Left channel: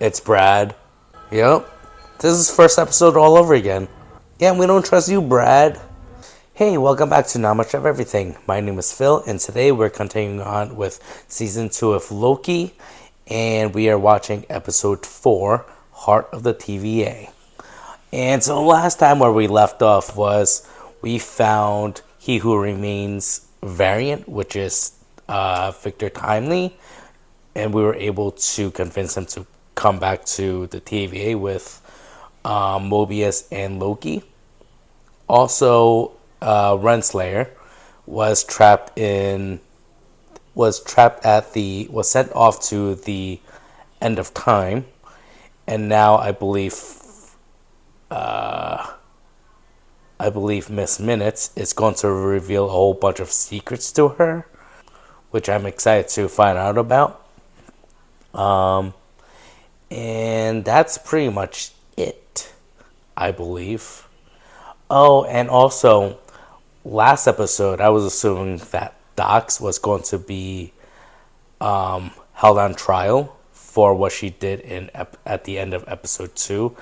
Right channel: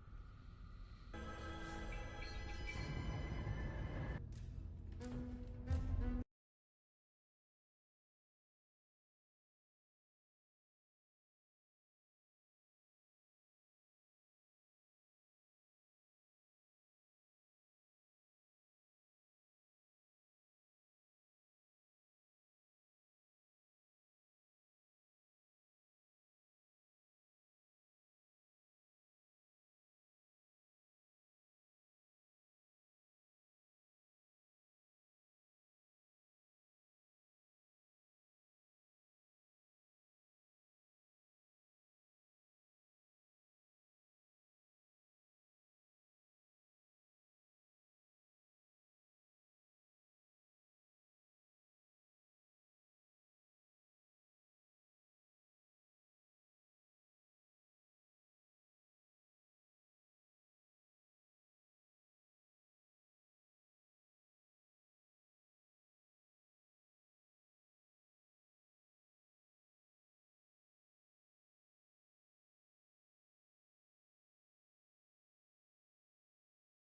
It's Brad. Yep. This is first episode all over again. Yeah, we don't trust you, Brad. Hey, welcome back to Not Much of Everything. My name is Phil, and today we're continuing on with Season 2 of Loki, and we are watching Episode 4, Heart of the TVA. And so last time where we left off was we found He Who Remains variant, which is Victor Timely, and we were able to convince him to come back to the TVA with Mobius and Loki. Also, Renslayer was sent off to the end of time, and now I believe Miss Minutes is going to reveal a whole bunch of secrets to her, which I'm excited to find out about. And that's pretty much it, I believe. Oh, and also, last episode, I was assuming that Dox was going to be held on trial for what she did at the end of episode 2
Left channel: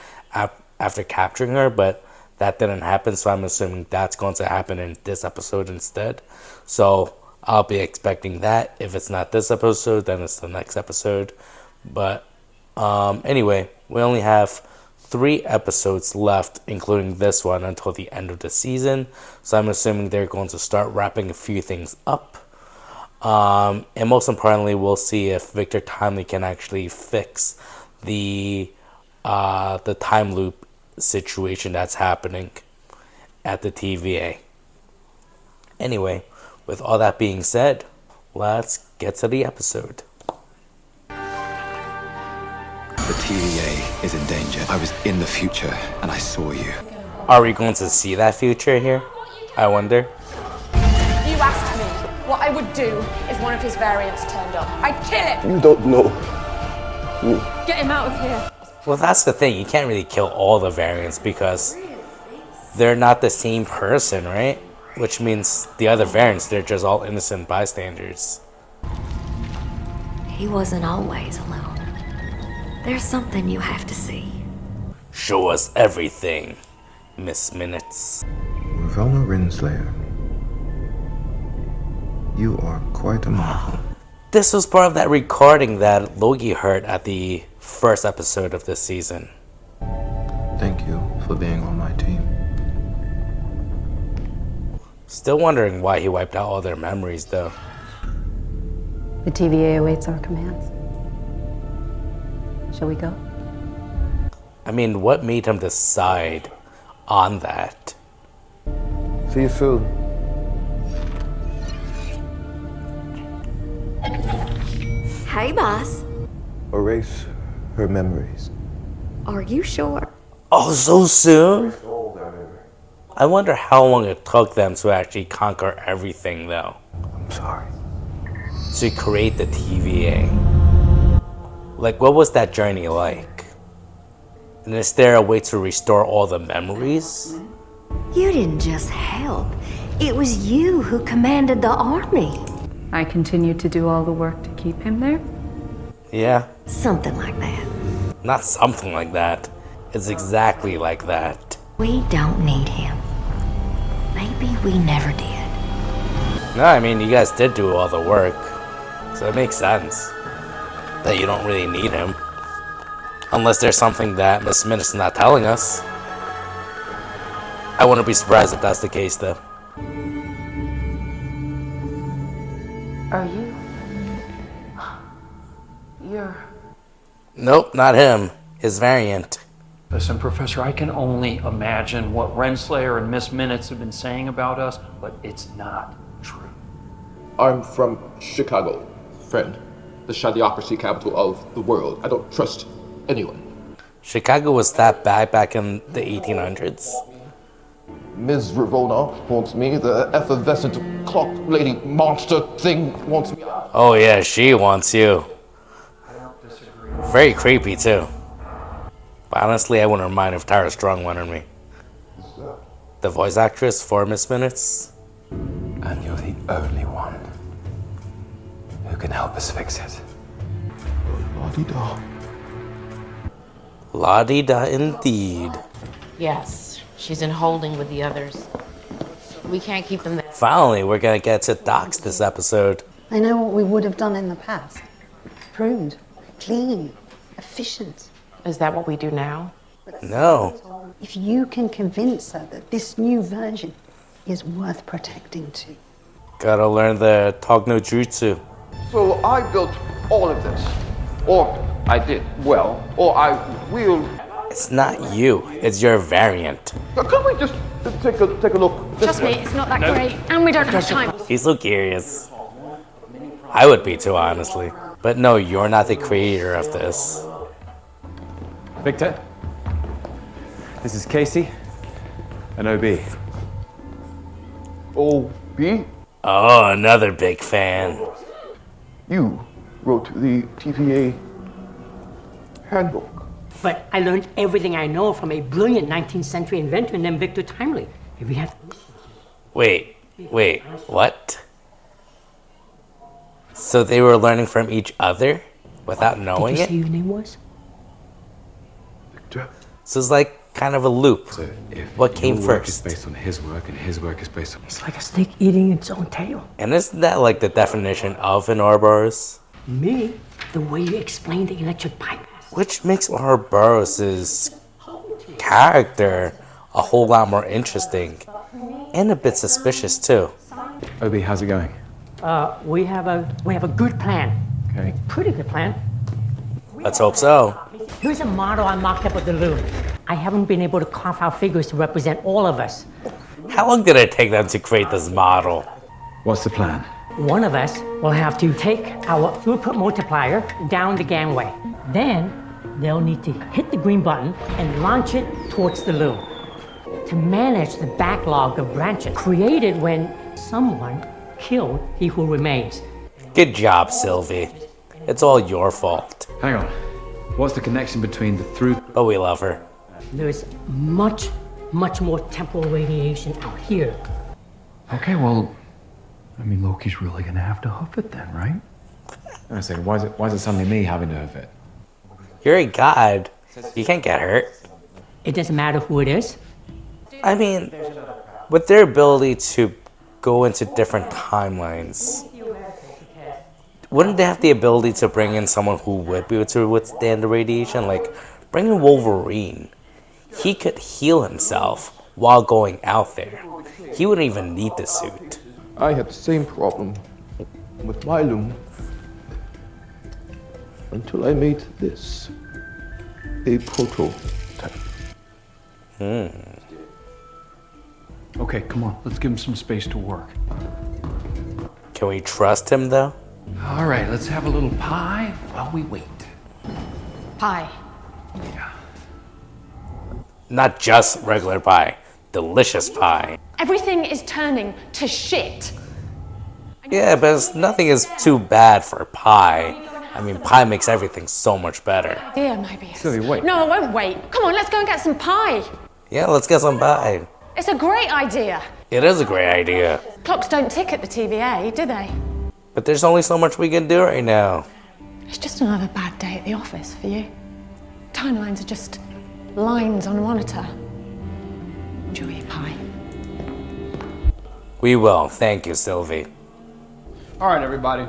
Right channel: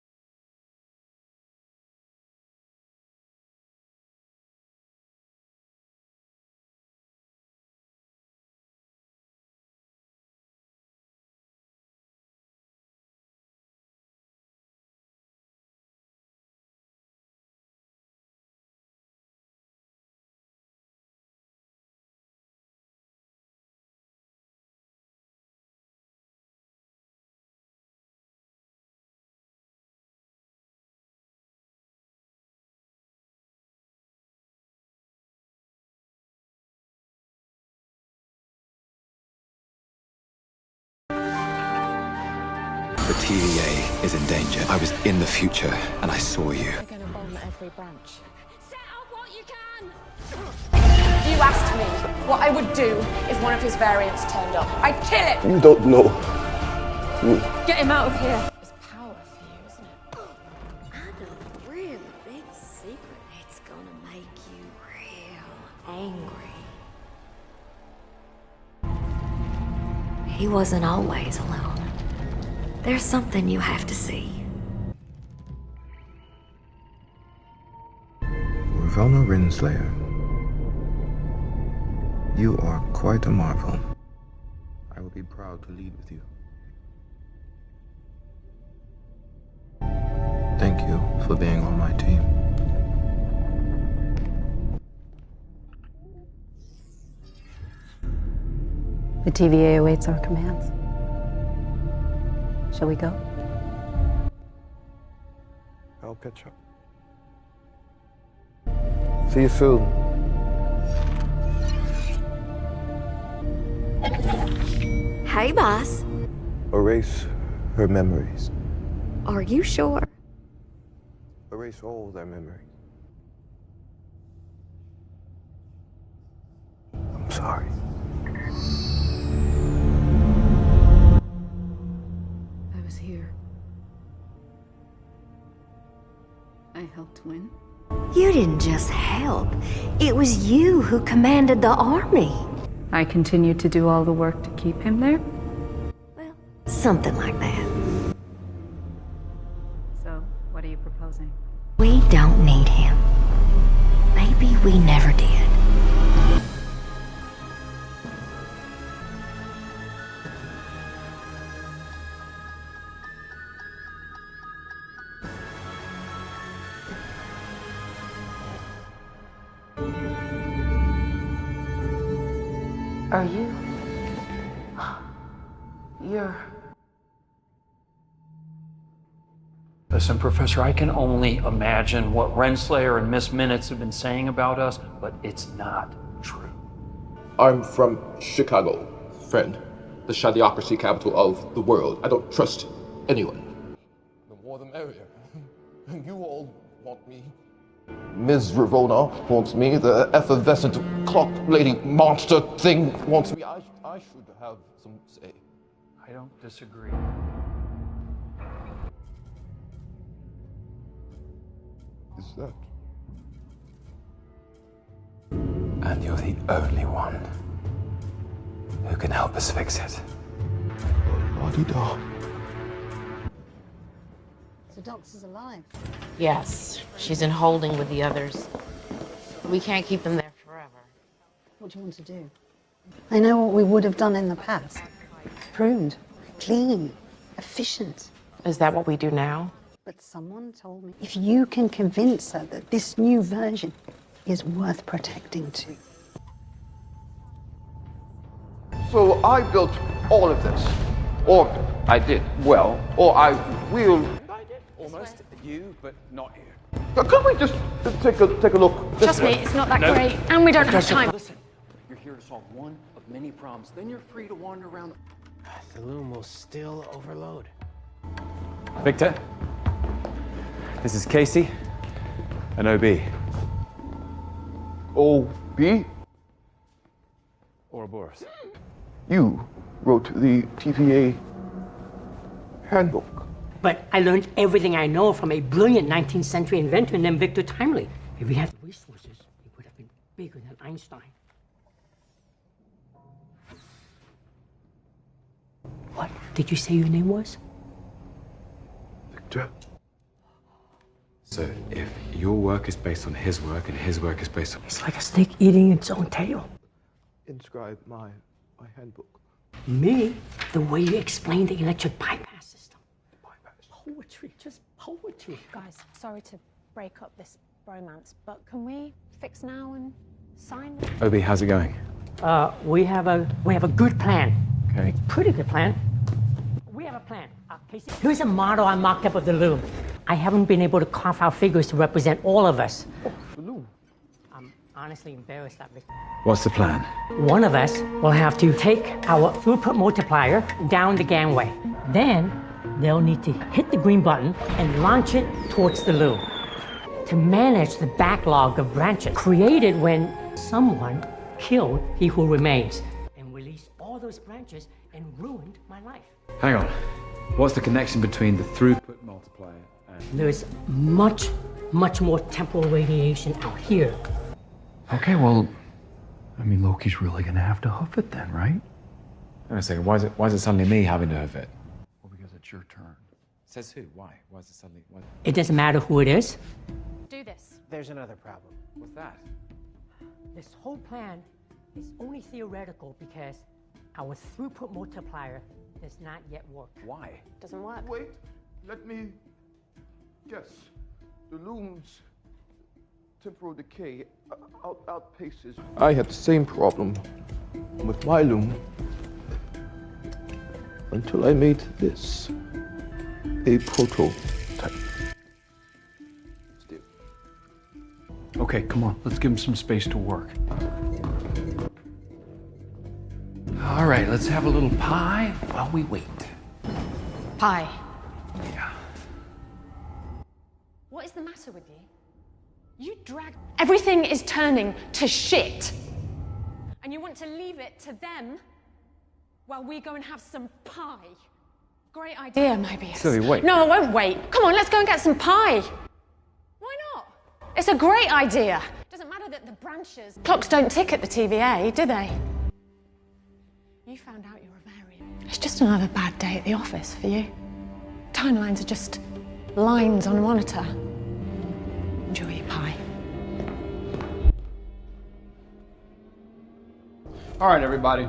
after capturing her, but that didn't happen, so I'm assuming that's going to happen in this episode instead. So I'll be expecting that. If it's not this episode, then it's the next episode. But anyway, we only have 3 episodes left, including this one, until the end of the season. So I'm assuming they're going to start wrapping a few things up. And most importantly, we'll see if Victor Timely can actually fix the time loop situation that's happening at the TVA. Anyway, with all that being said, let's get to the episode. The TVA is in danger. I was in the future and I saw you. Are we going to see that future here? I wonder. You asked me what I would do if one of his variants turned up. I'd kill it! You don't know me. Get him out of here. Well, that's the thing. You can't really kill all the variants because they're not the same person, right? Which means the other variants, they're just all innocent bystanders. He wasn't always alone. There's something you have to see. Show us everything, Miss Minutes. Ravelna Renslayer, you are quite a marvel. This was part of that recording that Loki heard at the first episode of this season. Thank you for being on my team. Still wondering why he wiped out all their memories, though. The TVA awaits our commands. Shall we go? I mean, what made him decide on that? See you soon. Hey, boss. Erase her memories. Are you sure? Oh, so soon? Erase all their memory. I wonder how long it took them to actually conquer everything, though. I'm sorry. To create the TVA. Like, what was that journey like? And is there a way to restore all the memories? You didn't just help. It was you who commanded the army. I continue to do all the work to keep him there? Yeah, Something like that. not something like that. It's exactly like that. We don't need him. Maybe we never did. No, I mean, you guys did do all the work. So it makes sense that you don't really need him. Unless there's something that Miss Minutes is not telling us. I wouldn't be surprised if that's the case, though. Are you? You're... Nope, not him. His variant. Listen, Professor, I can only imagine what Renslayer and Miss Minutes have been saying about us, but it's not true. I'm from Chicago, friend. The shadoocracy capital of the world. I don't trust anyone. Chicago was that bad back in the 1800s. Ms. Ravona wants me. The effervescent clock lady monster thing wants me. Oh yeah, she wants you. I don't disagree. Very creepy too. But honestly, I wouldn't mind if Tara Strong wanted me. Who's that? The voice actress for Miss Minutes. And you're the only one who can help us fix it. La-di-da. La-di-da indeed. Yes, she's in holding with the others. We can't keep them there. Finally, we're gonna get to Docs this episode. I know what we would have done in the past. Pruned, clean, efficient. Is that what we do now? No. If you can convince her that this new version is worth protecting too. Gotta learn the Talk no Jutsu. So I built all of this. Or I did. Well, or I will. It's not you, it's your variant. Could we just take a look? Trust me, it's not that great, and we don't have time. He's so curious. I would be too, honestly. But no, you're not the creator of this. Victor, this is Casey and OB. OB? Oh, another big fan. You wrote the TVA handbook. But I learned everything I know from a brilliant 19th century inventor named Victor Timely. If we had resources. Wait, what? So they were learning from each other without knowing Did you it? say your name was? Victor. So it's like kind of a loop. So if What came your work first? is based on his work and his work is based on... It's like a snake eating its own tail. And isn't that like the definition of an Ouroboros? Me, the way you explain the electric bypass. Which makes Ouroboros' character a whole lot more interesting. And a bit suspicious too. OB, how's it going? We have a good plan. Okay. Pretty good plan. Let's hope so. Here's a model I mocked up of the loom. I haven't been able to carve out figures to represent all of us. How long did it take them to create this model? What's the plan? One of us will have to take our throughput multiplier down the gangway. Then they'll need to hit the green button and launch it towards the loom to manage the backlog of branches created when someone killed he who remains. Good job, Sylvie. It's all your fault. Hang on. What's the connection between the throughput? But we love her. There's much more temporal radiation out here. Okay, well, I mean, Loki's really gonna have to hoof it then, right? Hang on a second. Why is it suddenly me having to hoof it? You're a god. You can't get hurt. It doesn't matter who it is. I mean, with their ability to go into different timelines, wouldn't they have the ability to bring in someone who would be able to withstand the radiation? Like, bring in Wolverine. He could heal himself while going out there. He wouldn't even need the suit. I had the same problem with my loom until I made this a prototype. Okay, come on, let's give him some space to work. Can we trust him, though? All right, let's have a little pie while we wait. Pie. Yeah. Not just regular pie. Delicious pie. Everything is turning to shit. Yeah, but nothing is too bad for pie. I mean, pie makes everything so much better. Idea, maybe. Sylvie, wait. No, I won't wait. Come on, let's go and get some pie. Yeah, let's get some pie. It's a great idea. It is a great idea. Clocks don't tick at the TVA, do they? But there's only so much we can do right now. It's just another bad day at the office for you. Timelines are just lines on a monitor. Enjoy your pie. We will. Thank you, Sylvie. All right, everybody.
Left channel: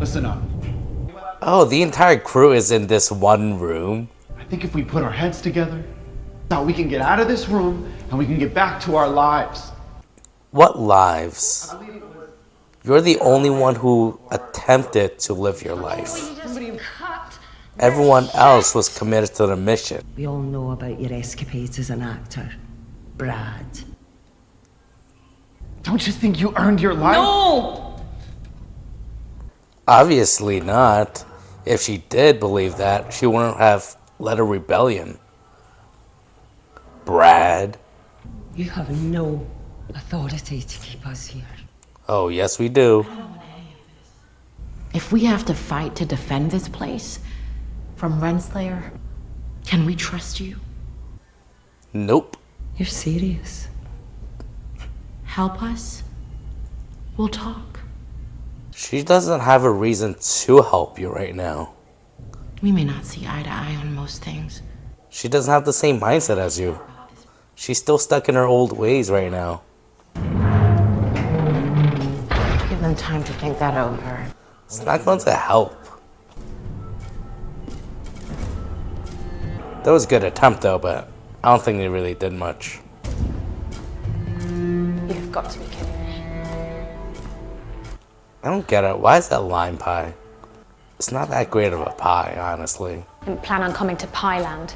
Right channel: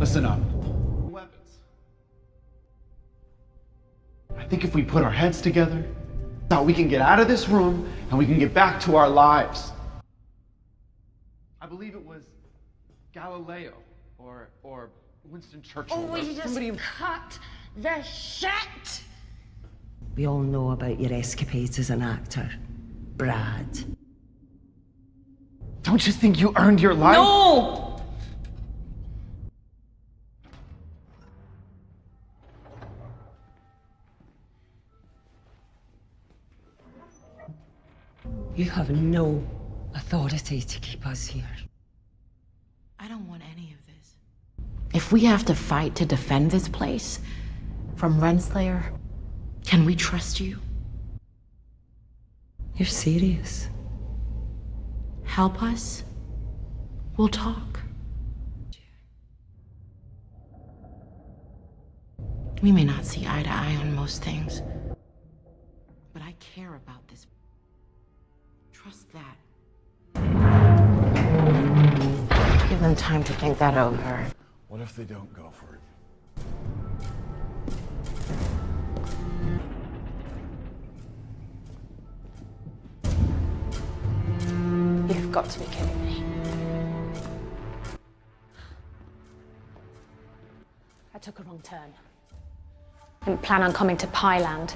Listen up. Oh, the entire crew is in this one room? I think if we put our heads together, now we can get out of this room and we can get back to our lives. What lives? I believe it was... You're the only one who attempted to live your life. Everyone else was committed to the mission. We all know about your escapades as an actor, Brad. Don't you think you earned your life? No! Obviously not. If she did believe that, she wouldn't have led a rebellion. Brad. You have no authority to keep us here. Oh, yes we do. If we have to fight to defend this place from Renslayer, can we trust you? Nope. You're serious? Help us? We'll talk. She doesn't have a reason to help you right now. We may not see eye to eye on most things. She doesn't have the same mindset as you. She's still stuck in her old ways right now. Give them time to think that over. It's not going to help. That was a good attempt though, but I don't think they really did much. You've got to be kidding me. I don't get it. Why is that lime pie? It's not that great of a pie, honestly. Didn't plan on coming to Pie Land.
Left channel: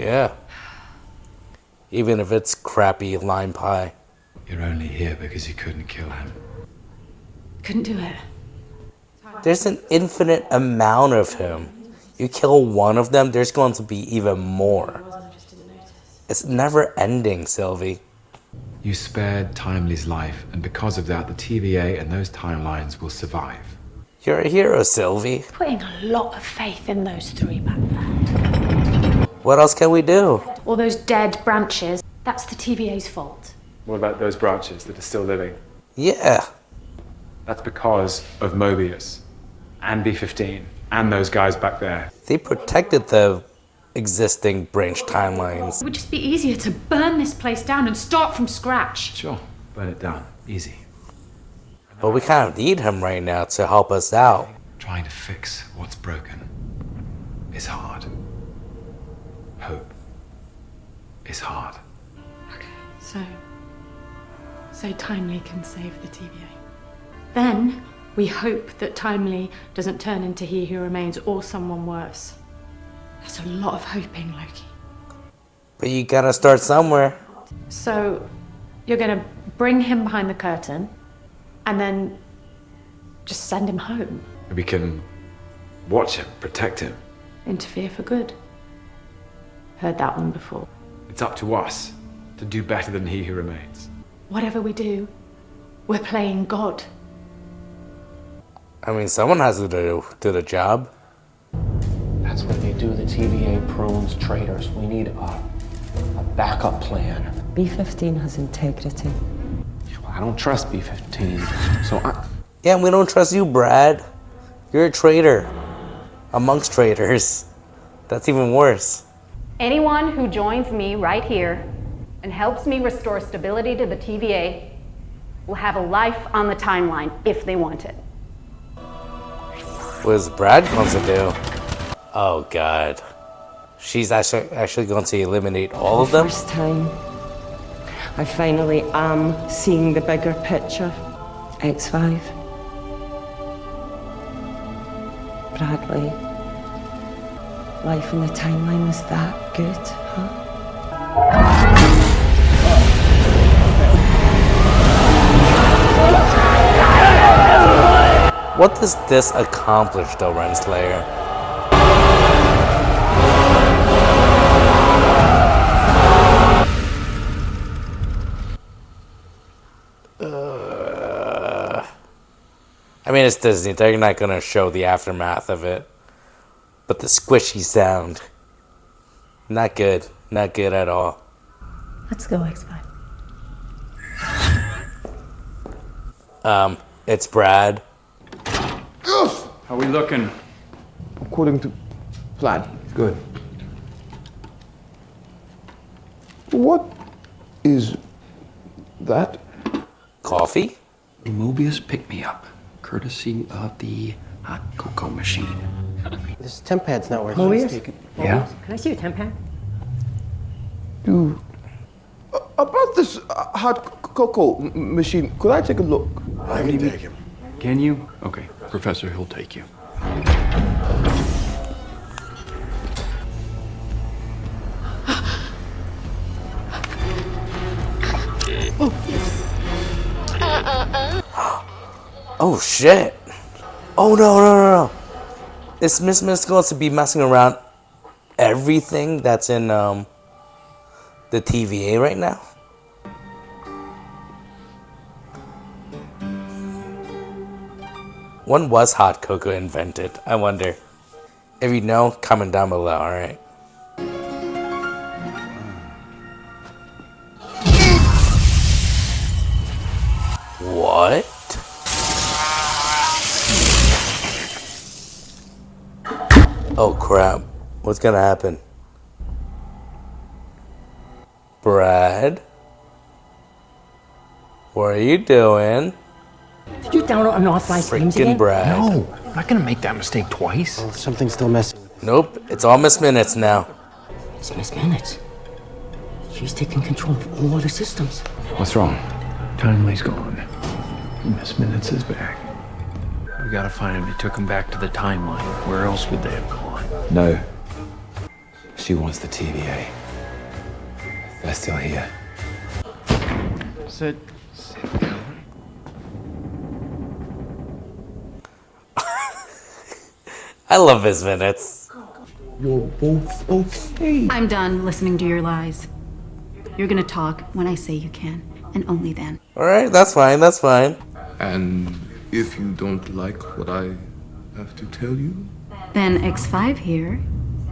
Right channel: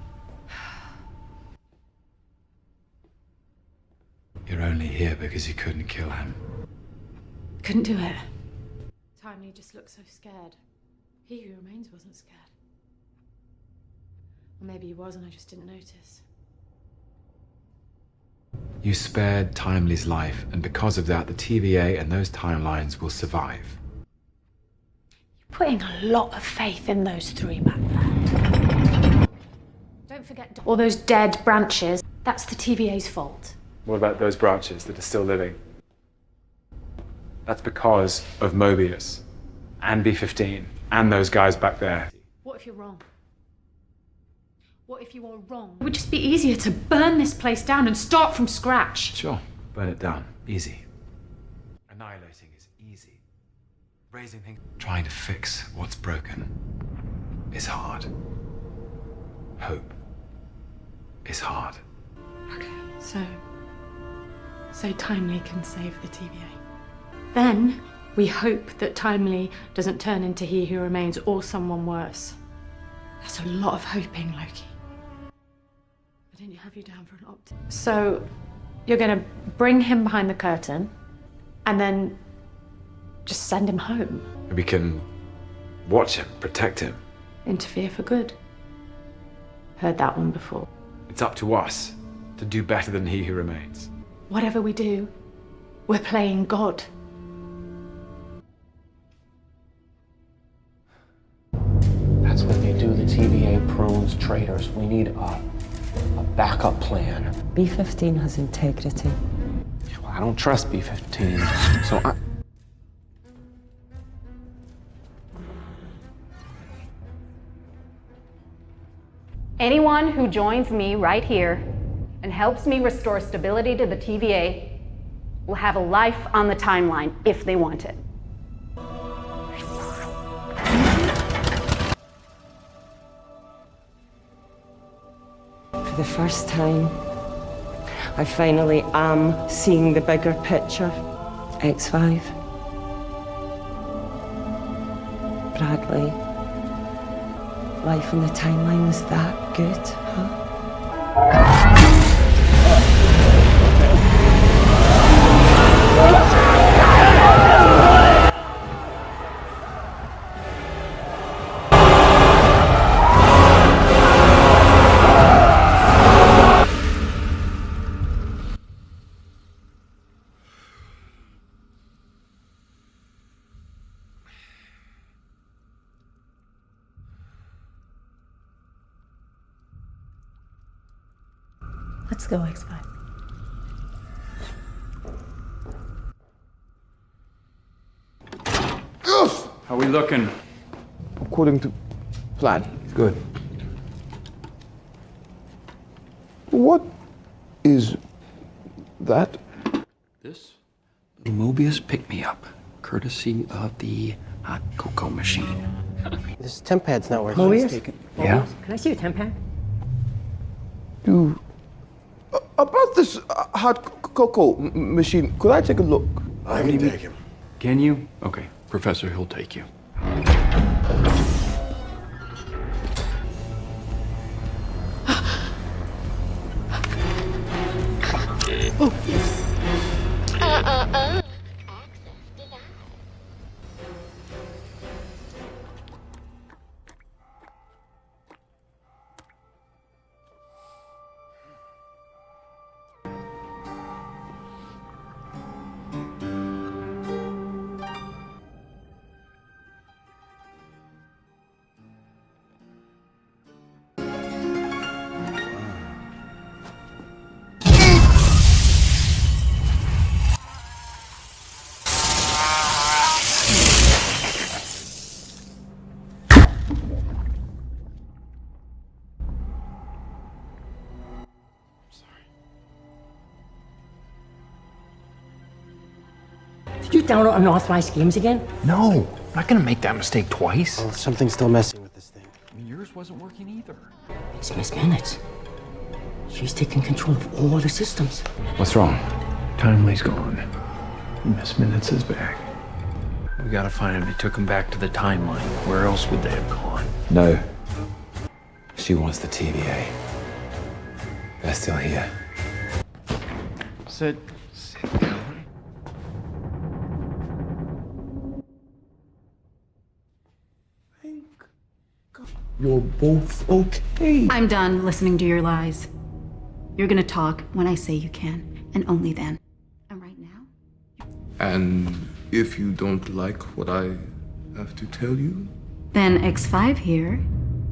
Yeah. Even if it's crappy lime pie. You're only here because you couldn't kill him. Couldn't do it. There's an infinite amount of him. You kill one of them, there's going to be even more. It's never ending, Sylvie. You spared Timely's life, and because of that, the TVA and those timelines will survive. You're a hero, Sylvie. Putting a lot of faith in those three back there. What else can we do? All those dead branches, that's the TVA's fault. What about those branches that are still living? Yeah. That's because of Mobius and B-15 and those guys back there. They protected the existing branch timelines. It would just be easier to burn this place down and start from scratch. Sure, burn it down. Easy. But we kind of need him right now to help us out. Trying to fix what's broken is hard. Hope is hard. Okay, so Timely can save the TVA. Then we hope that Timely doesn't turn into He Who Remains or someone worse. That's a lot of hoping, Loki. But you gotta start somewhere. So you're gonna bring him behind the curtain and then just send him home. We can watch him, protect him. Interfere for good. Heard that one before. It's up to us to do better than He Who Remains. Whatever we do, we're playing God. I mean, someone has to do the job. That's what they do. The TVA prunes traitors. We need a backup plan. B-15 has integrity. Well, I don't trust B-15, so I... Yeah, we don't trust you, Brad. You're a traitor. Amongst traitors. That's even worse. Anyone who joins me right here and helps me restore stability to the TVA will have a life on the timeline if they want it. What is Brad going to do? Oh, God. She's actually going to eliminate all of them? First time, I finally am seeing the bigger picture. X5. Bradley. Life in the timeline was that good, huh? What does this accomplish, though, Renslayer? I mean, it's Disney. They're not going to show the aftermath of it. But the squishy sound. Not good. Not good at all. Let's go, X5. It's Brad. How we looking? According to plan. Good. What is that? Coffee? Mobius pick me up, courtesy of the hot cocoa machine. This temp pad's not working. Mobius? Yeah? Can I see your temp pad? About this hot cocoa machine, could I take a look? I can take him. Can you? Okay, Professor, he'll take you. Oh, shit. Oh, no. Is Miss Miss going to be messing around everything that's in the TVA right now? When was hot cocoa invented? I wonder. If you know, comment down below, alright? What? Oh crap. What's gonna happen? Brad? What are you doing? Did you download unauthorized games Freaking again? Brad. No, I'm not gonna make that mistake twice. Oh, something's still messing with this. Nope, it's all Miss Minutes now. It's Miss Minutes. She's taking control of all the systems. What's wrong? Timely's gone. Miss Minutes is back. We gotta find him. They took him back to the timeline. Where else would they have gone? No. She wants the TVA. They're still here. Sit down. I love Miss Minutes. You're both okay. I'm done listening to your lies. You're gonna talk when I say you can, and only then. Alright, that's fine, that's fine. And if you don't like what I have to tell you? Then X5 here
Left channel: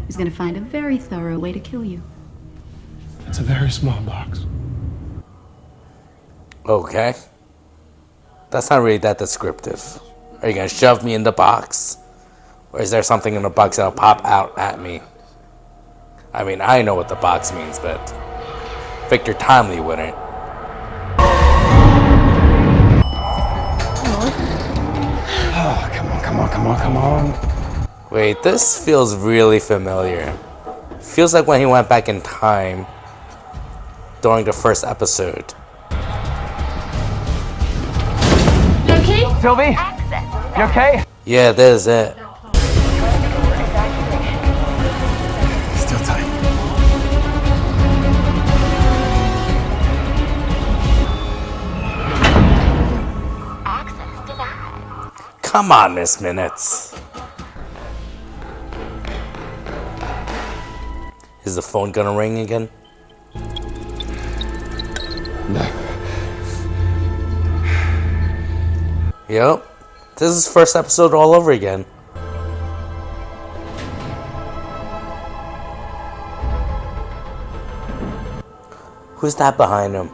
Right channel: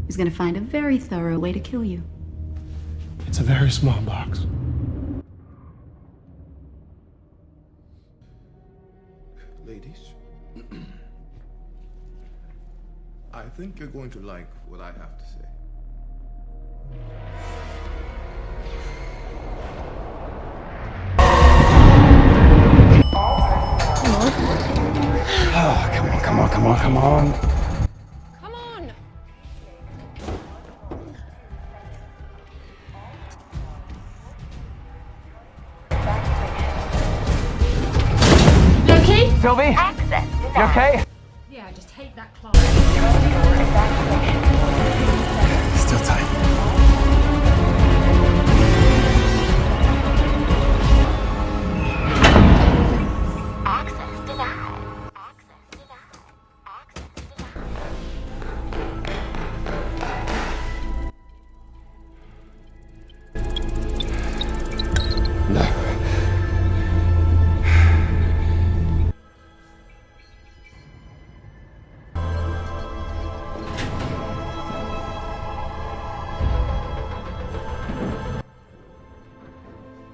is gonna find a very thorough way to kill you. It's a very small box. Okay. That's not really that descriptive. Are you gonna shove me in the box? Or is there something in the box that'll pop out at me? I mean, I know what the box means, but Victor Timely wouldn't. Oh, come on. Wait, this feels really familiar. Feels like when he went back in time during the first episode. Loki? Sylvie? You okay? Yeah, this is it. Still time. Come on, Miss Minutes. Is the phone gonna ring again? No. Yep. This is first episode all over again. Who's that behind him?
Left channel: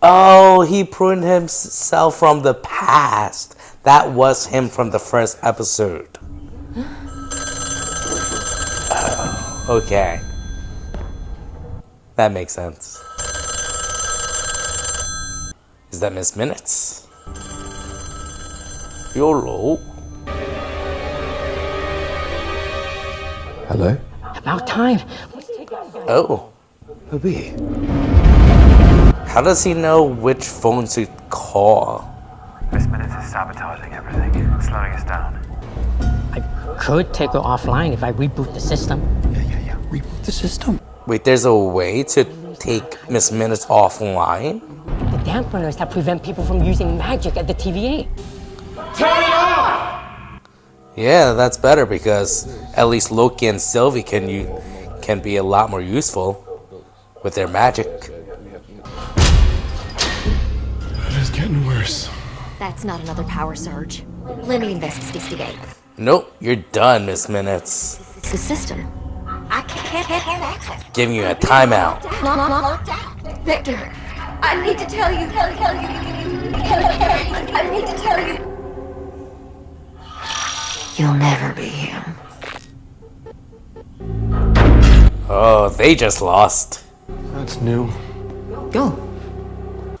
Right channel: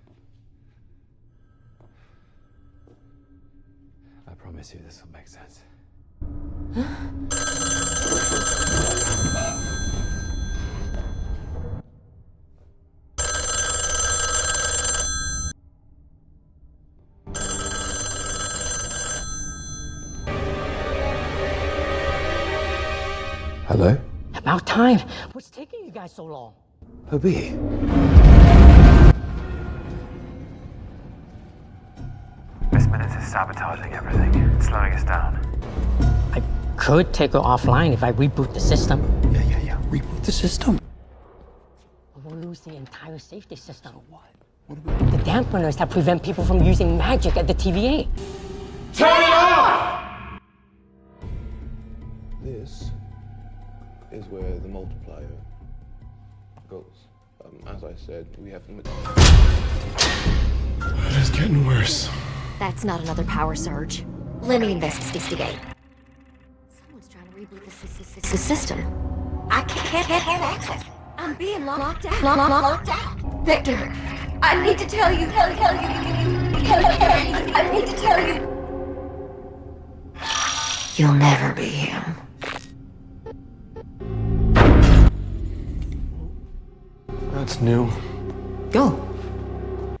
Oh, he pruned himself from the past. That was him from the first episode. Okay. That makes sense. Is that Miss Minutes? YOLO. Hello? About time. What's taking you guys? Oh. Obi. How does he know which phone to call? Miss Minutes is sabotaging everything. It's slowing us down. I could take her offline if I reboot the system. Yeah. Reboot the system. Wait, there's a way to take Miss Minutes offline? The dampeners that prevent people from using magic at the TVA. Turn it off! Yeah, that's better because at least Loki and Sylvie can be a lot more useful with their magic. It is getting worse. That's not another power surge. Let me investigate. Nope, you're done, Miss Minutes. The system. I can't have access. Giving you a timeout. Locked out. Victor, I need to tell you. I need to tell you. You'll never be him. Oh, they just lost. That's new. Go.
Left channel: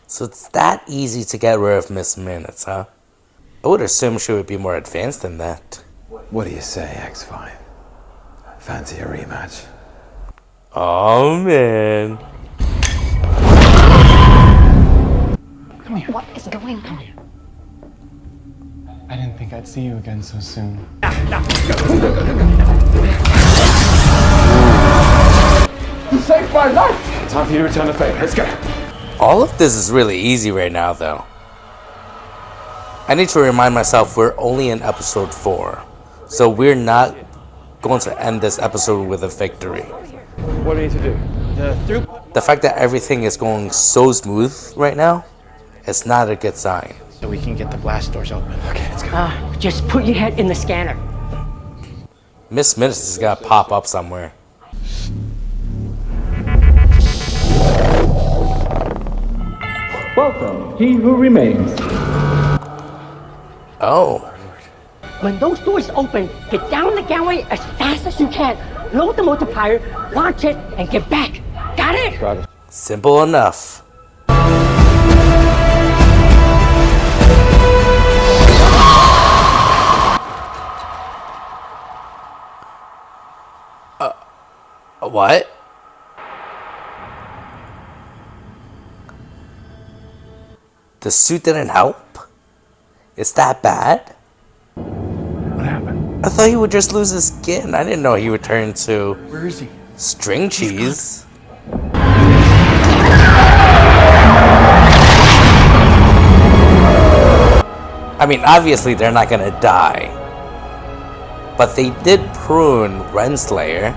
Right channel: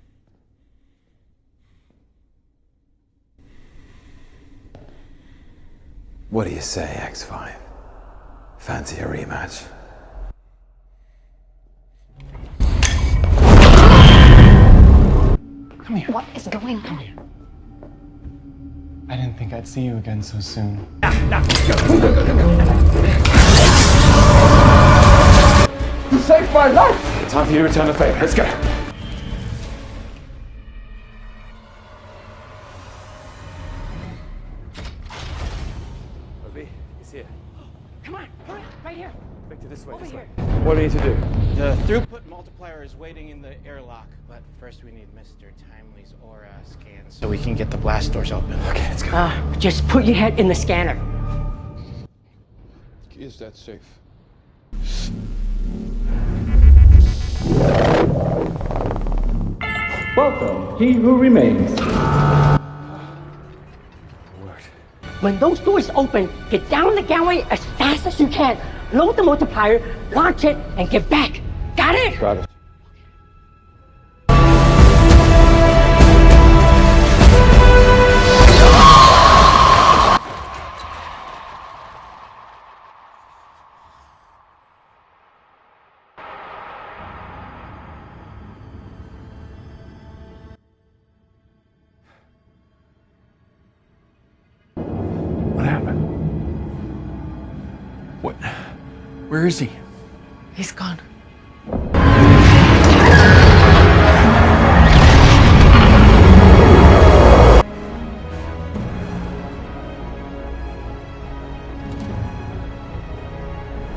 So it's that easy to get rid of Miss Minutes, huh? I would assume she would be more advanced than that. What do you say, X5? Fancy a rematch? Oh, man. Come here. What is going on? I didn't think I'd see you again so soon. You saved my life! Time for you to return the favor. Let's go. All of this is really easy right now, though. I need to remind myself we're only in episode 4. So we're not going to end this episode with a victory. What do you need to do? The fact that everything is going so smooth right now, it's not a good sign. So we can get the blast doors open. Okay, let's go. Just put your head in the scanner. Miss Minutes is gonna pop up somewhere. Welcome, he who remains. Oh. When those doors open, get down the gangway as fast as you can. Load the multiplier, launch it, and get back. Got it? Got it. Simple enough. What? The suit didn't help? It's that bad? What happened? I thought he would just lose his skin. I didn't know he would turn into... Where is he? String cheese. I mean, obviously they're not gonna die. But they did prune Renslayer.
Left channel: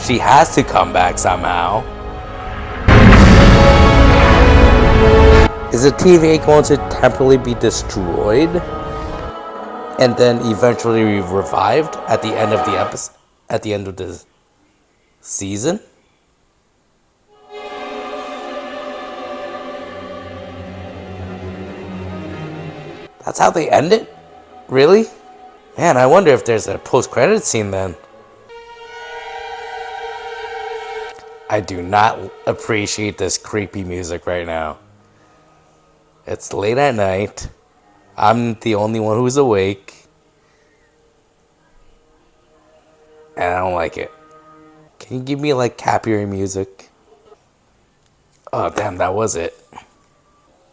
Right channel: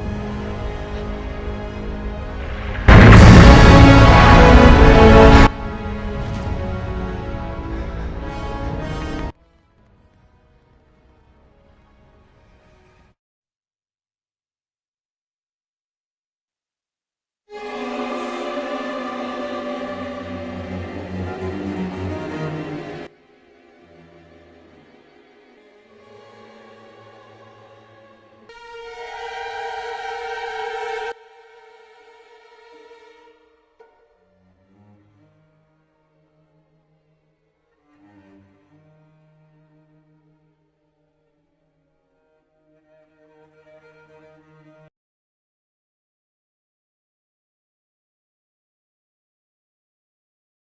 She has to come back somehow. Is the TVA going to temporarily be destroyed and then eventually revived at the end of the episode, at the end of the season? That's how they end it? Really? Man, I wonder if there's a post-credit scene then. I do not appreciate this creepy music right now. It's late at night. I'm the only one who's awake. And I don't like it. Can you give me like happier music? Oh damn, that was it.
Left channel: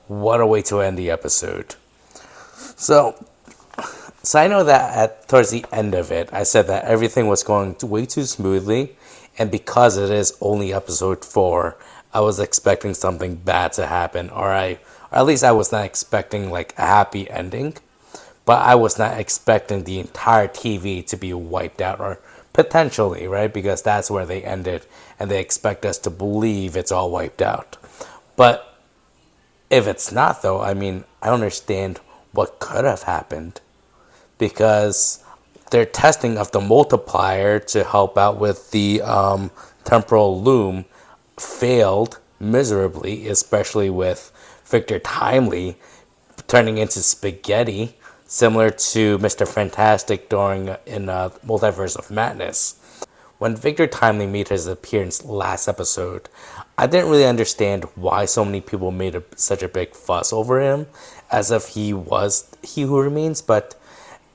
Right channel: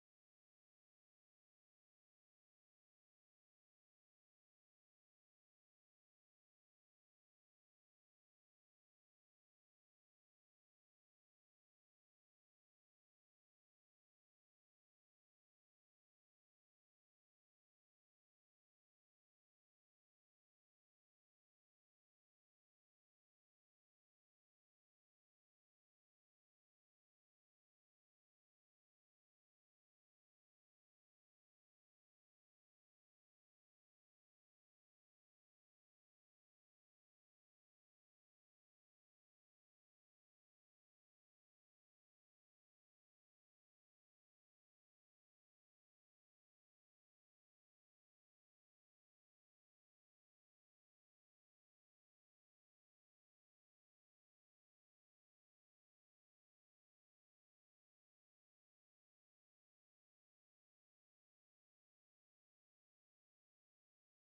What a way to end the episode. So I know that towards the end of it, I said that everything was going way too smoothly. And because it is only episode 4, I was expecting something bad to happen. Or at least I was not expecting like a happy ending. But I was not expecting the entire TV to be wiped out. Or potentially, right? Because that's where they ended. And they expect us to believe it's all wiped out. But if it's not though, I mean, I don't understand what could have happened. Because their testing of the multiplier to help out with the temporal loom failed miserably, especially with Victor Timely turning into spaghetti, similar to Mr. Fantastic in Multiverse of Madness. When Victor Timely made his appearance last episode, I didn't really understand why so many people made such a big fuss over him, as if he was He Who Remains, but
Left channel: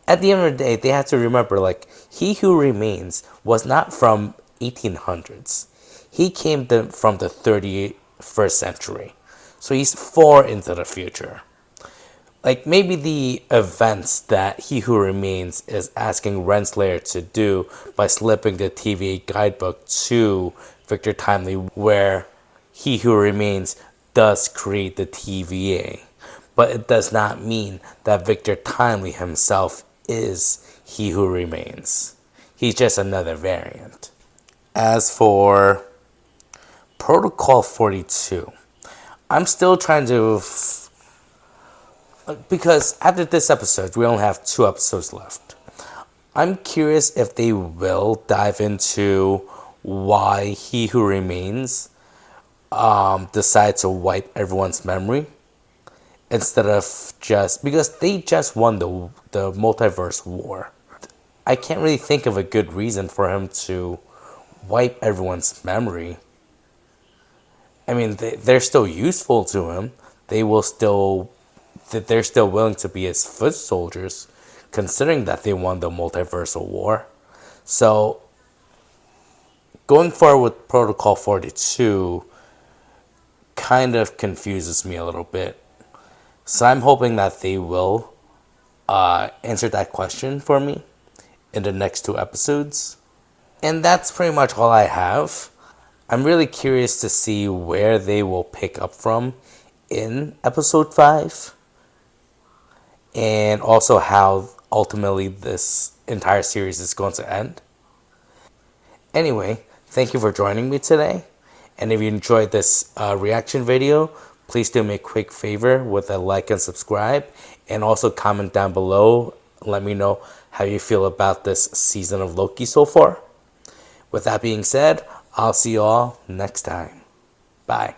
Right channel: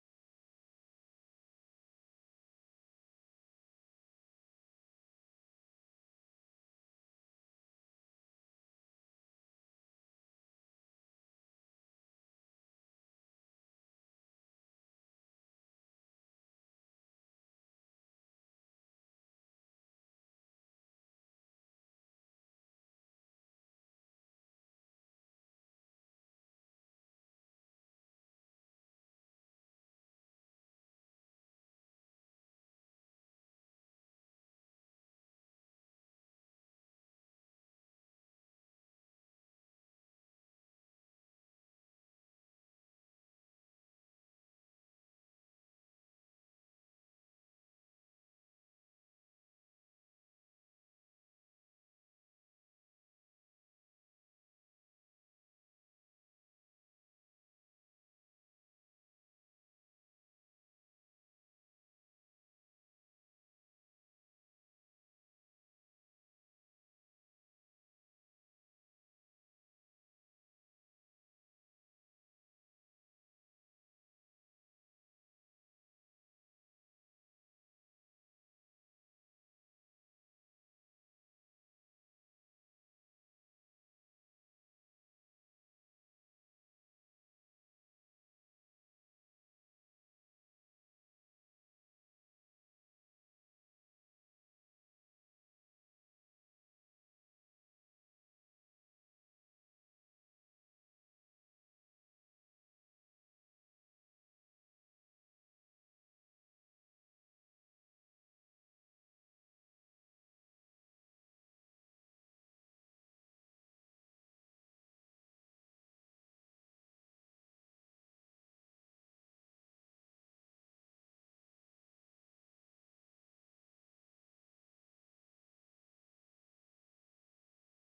at the end of the day, they have to remember, like, He Who Remains was not from 1800s. He came from the 31st century. So he's far into the future. Like, maybe the events that He Who Remains is asking Renslayer to do by slipping the TVA guidebook to Victor Timely, where He Who Remains does create the TVA. But it does not mean that Victor Timely himself is He Who Remains. He's just another variant. As for Protocol 42, I'm still trying to... because after this episode, we only have 2 episodes left. I'm curious if they will dive into why He Who Remains decide to wipe everyone's memory. Instead of just... because they just won the multiverse war. I can't really think of a good reason for him to wipe everyone's memory. I mean, they're still useful to him. They're still willing to be his foot soldiers, considering that they won the multiversal war. So, going forward with Protocol 42 kind of confuses me a little bit. So I'm hoping that they will answer that question for me in the next 2 episodes. And that's pretty much all I have. I'm really curious to see where they will pick up from in episode 5. And also how ultimately this entire series is going to end. Anyway, thank you for joining me today. And if you enjoyed this reaction video, please do me a quick favor with a like and subscribe. And also comment down below. Let me know how you feel about this season of Loki so far. With that being said, I'll see you all next time. Bye.